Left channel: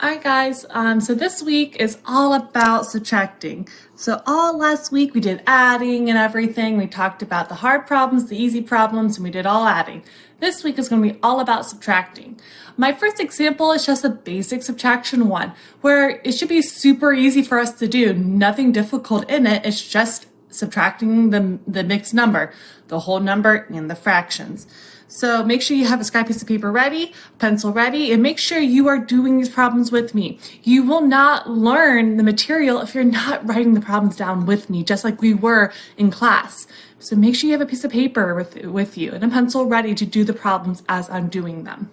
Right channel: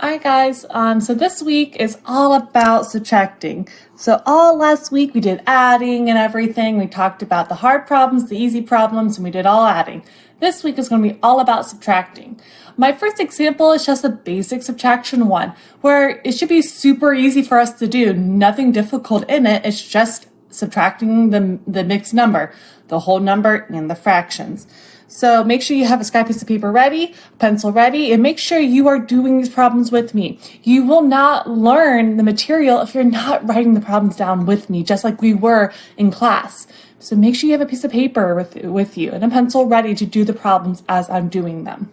All right, guys. So this week is all about subtracting. So all last week we did adding and everything. We talked about the hard problems, the easy problems, and we did all adding. This week is going to be all about subtracting. My first example is just a basic subtraction one, where it should be super easy for us to do. Nothing difficult in it. It's just subtracting the mixed number, the whole number, and the fractions. So make sure you have a scrap piece of paper ready, pencil ready, and make sure you are doing these problems with me. You will not learn the material if you're not writing the problems down with me, just like we were in class. So make sure you have a piece of paper with you and a pencil ready to do the problems as I'm doing them.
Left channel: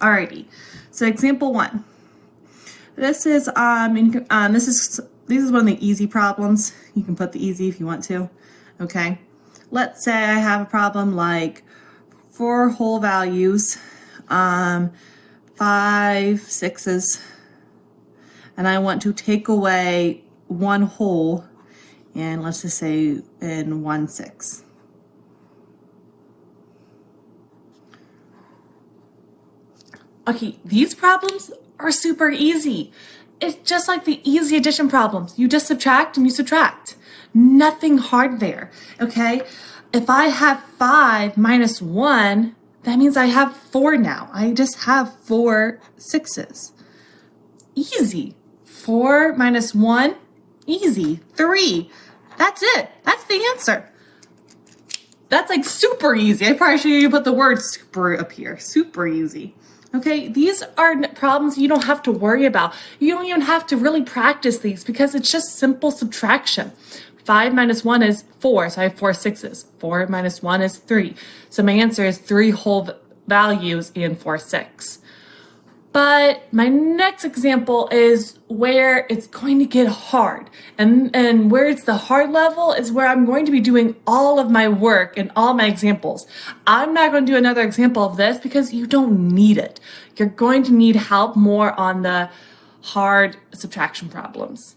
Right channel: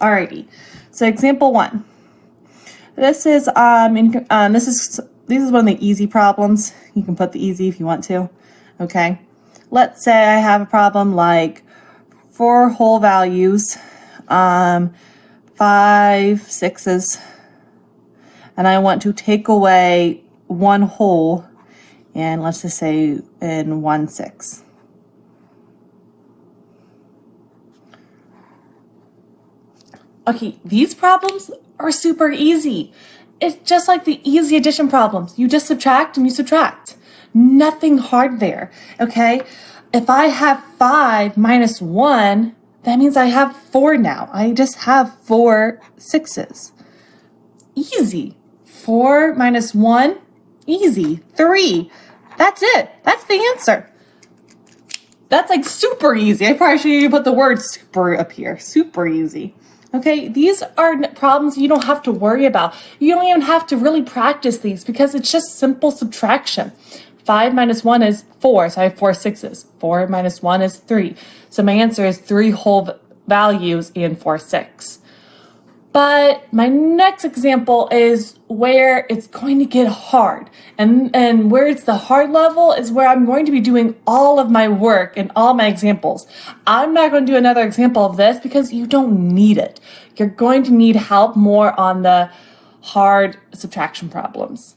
Alrighty, so example one. This is one of the easy problems. You can put the easy if you want to. Okay, let's say I have a problem like 4 whole values, 5 sixes, and I want to take away 1 whole, and let's just say in 1 6. Okay, these problems are super easy. It's just like the easy addition problems. You just subtract and you subtract. Nothing hard there, okay? If I have 5 minus 1, that means I have 4 now. I just have 4 sixes. Easy. 4 minus 1, easy. 3. That's it. That's the answer. That's like super easy. I probably should even put the word super up here. Super easy. Okay, these are problems you don't have to worry about. You don't even have to really practice these because it's just simple subtraction. 5 minus 1 is 4, so I have 4 sixes. 4 minus 1 is 3. So my answer is 3 whole values and 4 6. But my next example is where it's going to get hard. And where it's the hard level is where I'm going to be doing all of my work and all my examples. I'm not going to do another example of this because you don't need it. You're going to need help more on the hard subtraction problems.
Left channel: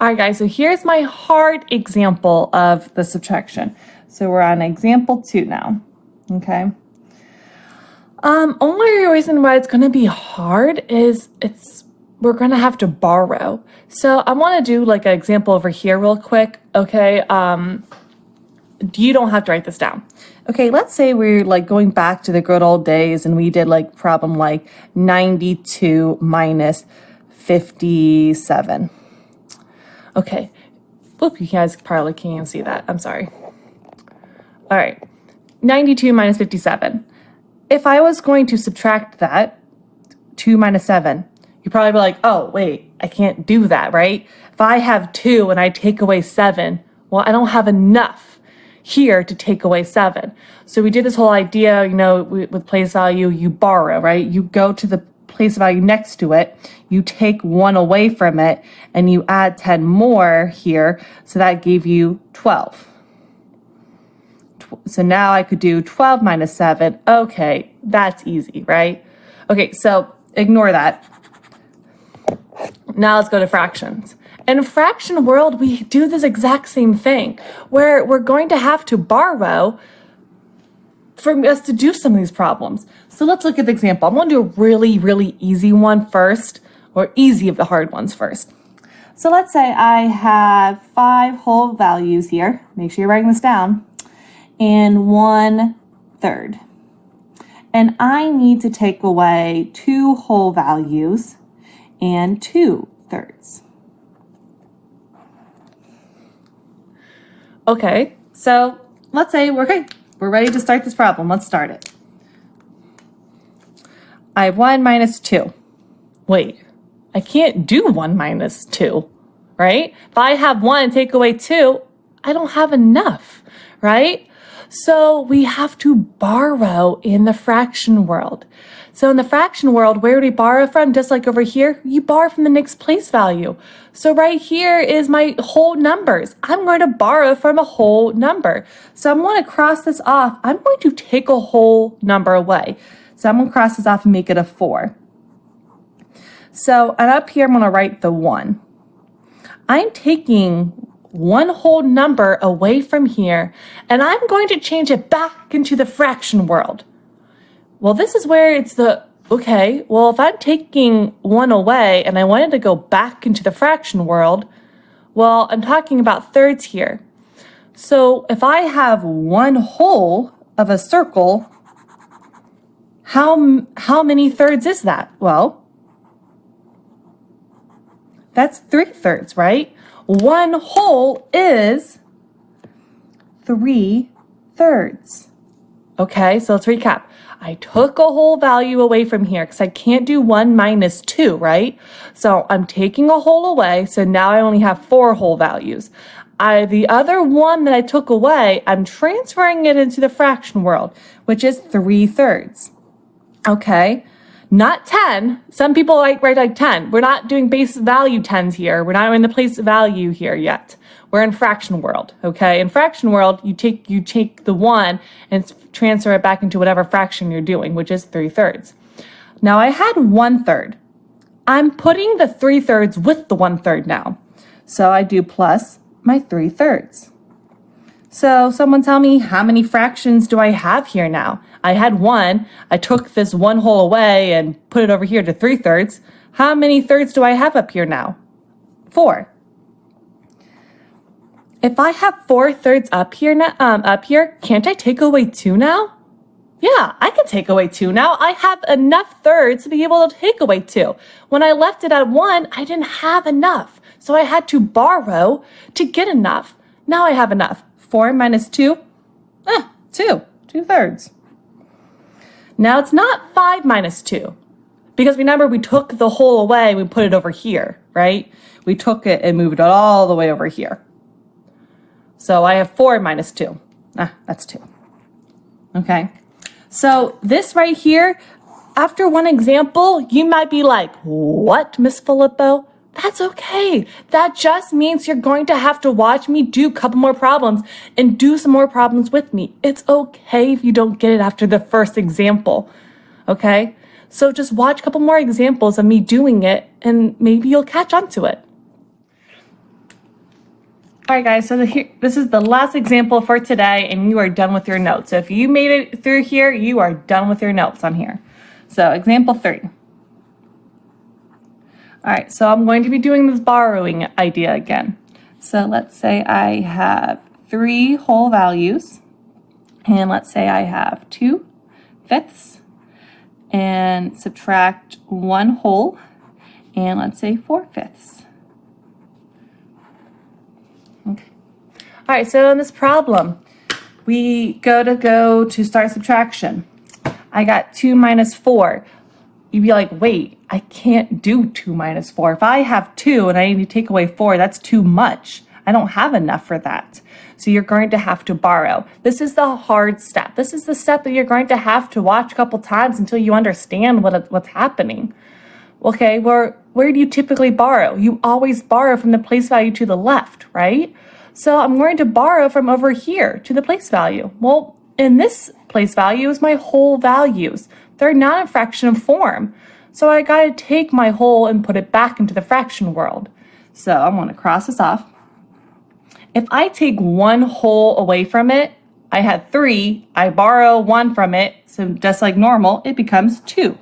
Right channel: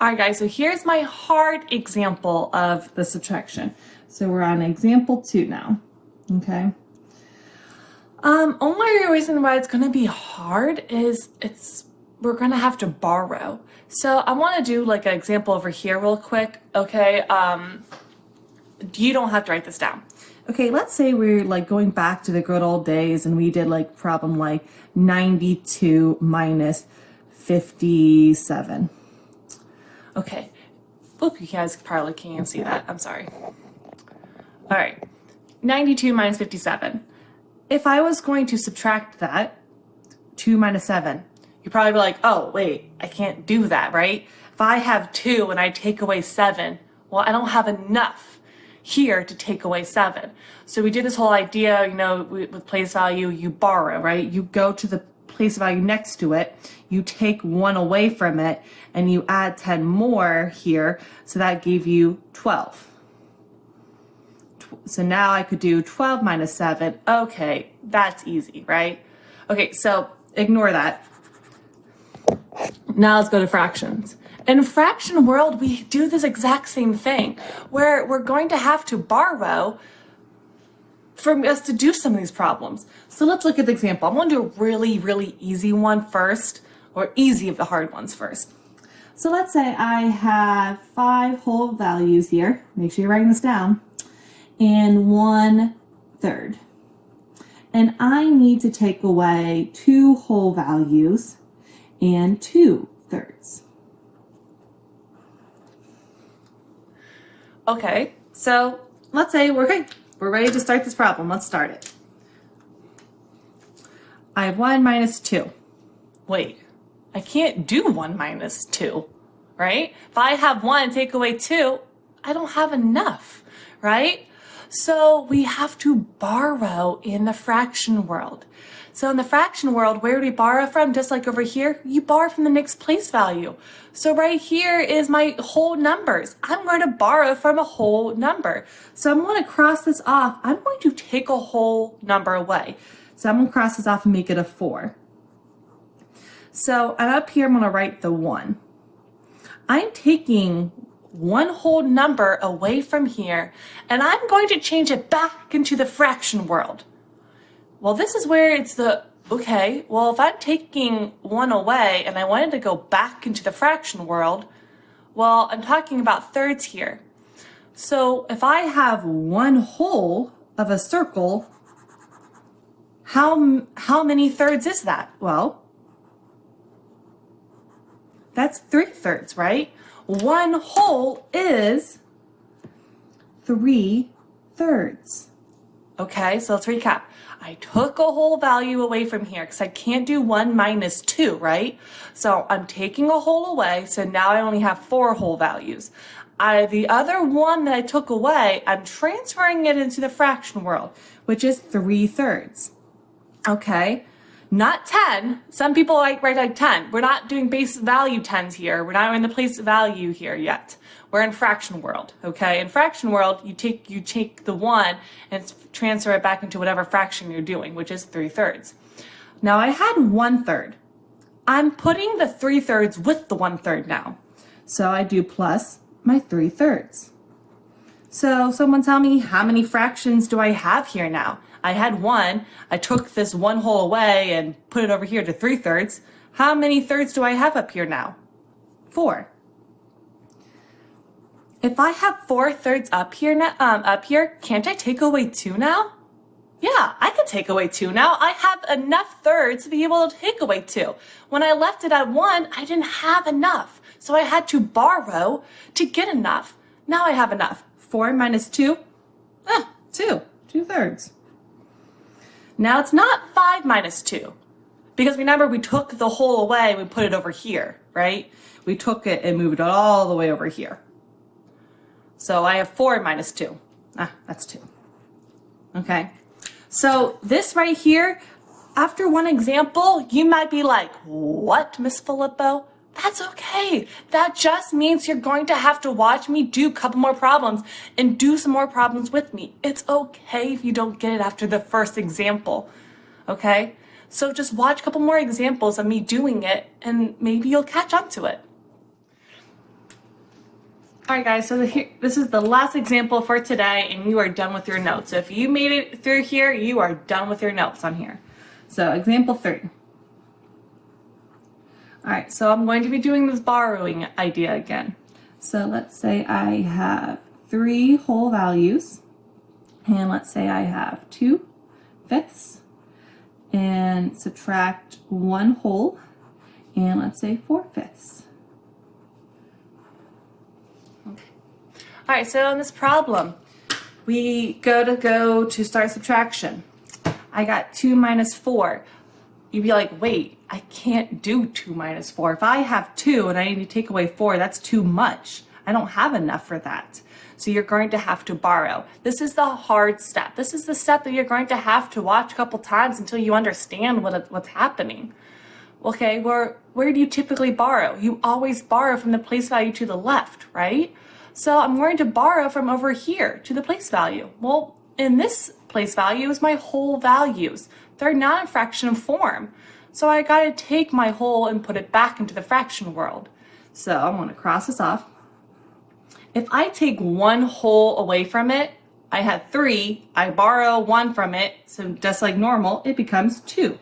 All right, guys, so here's my hard example of the subtraction. So we're on example 2 now, okay? Only reason why it's going to be hard is we're going to have to borrow. So I want to do like an example over here real quick, okay? You don't have to write this down. Okay, let's say we're like going back to the good old days and we did like problem like 92 minus 57. Okay, whoop, you guys probably can't see that. I'm sorry. All right, 92 minus 57. If I was going to subtract that, 2 minus 7, you'd probably be like, oh, wait, I can't do that, right? If I have 2 and I take away 7, well, I don't have enough here to take away 7. So we did this whole idea, with place value, you borrow, right? You go to the place value next to it, you take 1 away from it, and you add 10 more here, so that gave you 12. So now I could do 12 minus 7. Okay, that's easy, right? Okay, so ignore that. Now let's go to fractions. In fraction world, we do this exact same thing, where we're going to have to borrow for us to do some of these problems. So let's look at the example. I'm going to do a really, really easy one first, or easy of the hard ones first. So let's say I have 5 whole values here. Make sure you're writing this down. And 1/3. And I need to take away 2 whole values and 2/3. Okay, so let's say we're ready to start this problem. Let's start it. I have 1 minus 2. Wait, I can't do 1 minus 2, right? If I have 1 and take away 2, I don't have enough, right? So we have to borrow in the fraction world. So in the fraction world, where do we borrow from? Just like over here, you borrow from the next place value. So right here is my whole numbers. I'm going to borrow from a whole number. So I'm going to cross this off. I'm going to take a whole number away. So I'm going to cross this off and make it a 4. So, and up here, I'm going to write the 1. I'm taking 1 whole number away from here, and I'm going to change it back into the fraction world. Well, this is where it's the Okay, well, if I'm taking 1 away and I wanted to go back into the fraction world, well, I'm talking about thirds here. So if I have 1 whole of a circle, how many thirds is that? Well, that's 3/3, right? 1 whole is 3/3. Okay, so let's recap. I took a whole value away from here because I can't do 1 minus 2, right? So I'm taking a whole away, so now I only have 4 whole values. The other one that I took away, I'm transferring it into the fraction world, which is 3/3. Okay, not 10. Some people write like 10. We're not doing base value 10s here. We're not in the place value here yet. We're in fraction world, okay? In fraction world, you take the 1 and transfer it back into whatever fraction you're doing, which is 3/3. Now I had 1/3. I'm putting the 3/3 with the 1/3 now. So I do plus my 3/3. So someone tell me, how many fractions do I have here now? I had 1. I took this 1 whole away and put it over here to 3/3. How many thirds do I have up here now? 4. If I have 4/3 up here can't I take away 2 now? Yeah, I can take away 2 now. I have enough thirds to be able to take away 2. When I left it at 1, I didn't have enough. So I had to borrow to get enough. Now I have enough. 4 minus 2, 2. 2/3. Now it's not 5 minus 2. Because remember, we took the whole away and we put it over here, right? We took it and moved it all the way over here. So I have 4 minus 2. That's 2. Okay. So this right here, after one example, you might be like, what, Miss Filippo? That's okay. That just means you're going to have to watch me do a couple more problems and do some more problems with me. It's okay if you don't get it after the first example. Okay? So just watch a couple more examples of me doing it and maybe you'll catch on to it. All right, guys, so this is the last example for today, and you are done with your notes. So if you made it through here, you are done with your notes on here. So example 3. All right, so I'm going to be doing this borrowing idea again. So let's say I have 3 whole values, and let's say I have 2/5, and subtract 1 whole, and let's say 4/5. Okay. All right, so in this problem, we go to start subtraction. I got 2 minus 4. You'd be like, wait, I can't do 2 minus 4. If I have 2 and I need to take away 4, that's too much. I don't have enough for that. So you're going to have to borrow. This is the hard step. This is the step that you're going to have to watch a couple times until you understand what's happening. Okay, where do you typically borrow? You always borrow from the place value to the left, right? So I'm going to borrow from over here to the place value. Well, in this place value is my whole values. They're not in fraction form. So I got to take my whole and put it back into the fraction world. So I'm going to cross this off. If I take 1 whole away from it, I have 3. I borrow 1 from it. So just like normal, it becomes 2.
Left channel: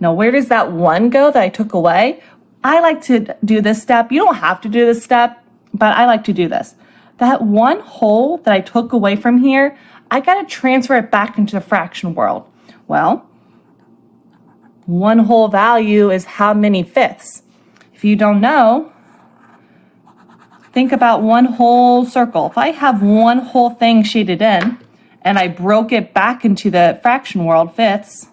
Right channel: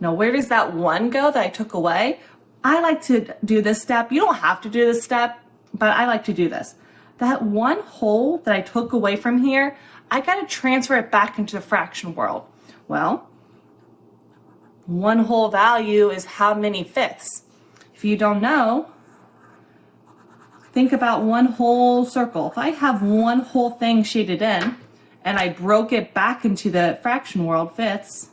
Now, where does that 1 go that I took away? I like to do this step. You don't have to do this step, but I like to do this. That 1 whole that I took away from here, I got to transfer it back into the fraction world. Well, 1 whole value is how many fifths? If you don't know, think about 1 whole circle. If I have 1 whole thing shaded in and I broke it back into the fraction world, fifths,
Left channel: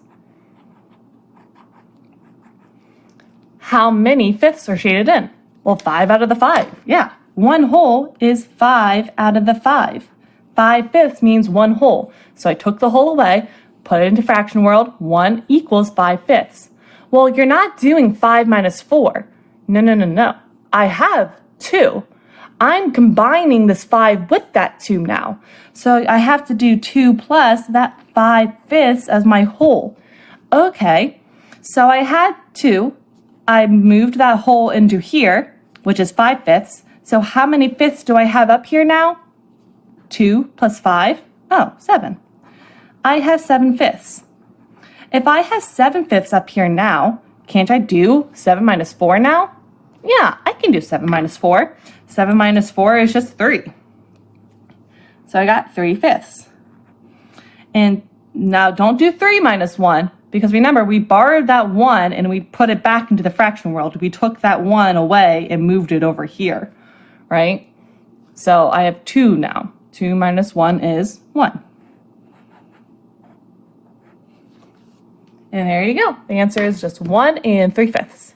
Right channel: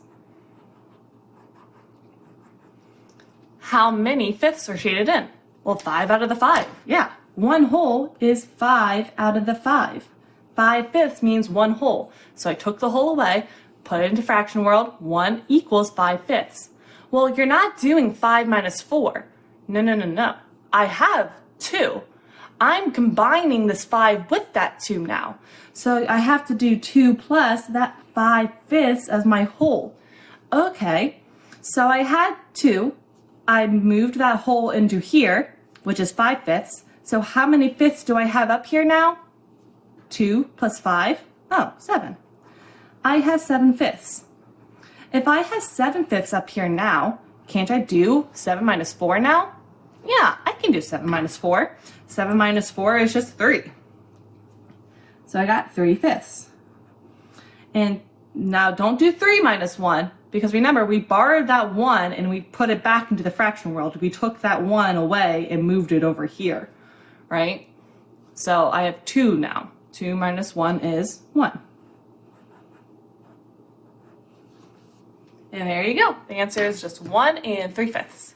how many fifths are shaded in? Well, 5 out of the 5. Yeah, 1 whole is 5 out of the 5. 5/5 means 1 whole. So I took the whole away, put it into fraction world, 1 equals 5/5. Well, you're not doing 5 minus 4. No. I have 2. I'm combining this 5 with that 2 now. So I have to do 2 plus that 5/5 as my whole. Okay, so I had 2. I moved that whole into here, which is 5/5. So how many fifths do I have up here now? 2 plus 5, 7. I have 7/5. If I have 7/5 up here now, can't I do 7 minus 4 now? Yeah, I can do 7 minus 4. 7 minus 4 is just 3. So I got 3/5. And now don't do 3 minus 1, because remember, we borrowed that 1 and we put it back into the fraction world. We took that 1 away and moved it over here, right? So I have 2 now. 2 minus 1 is 1. And there you go. The answer is just 1 3/5.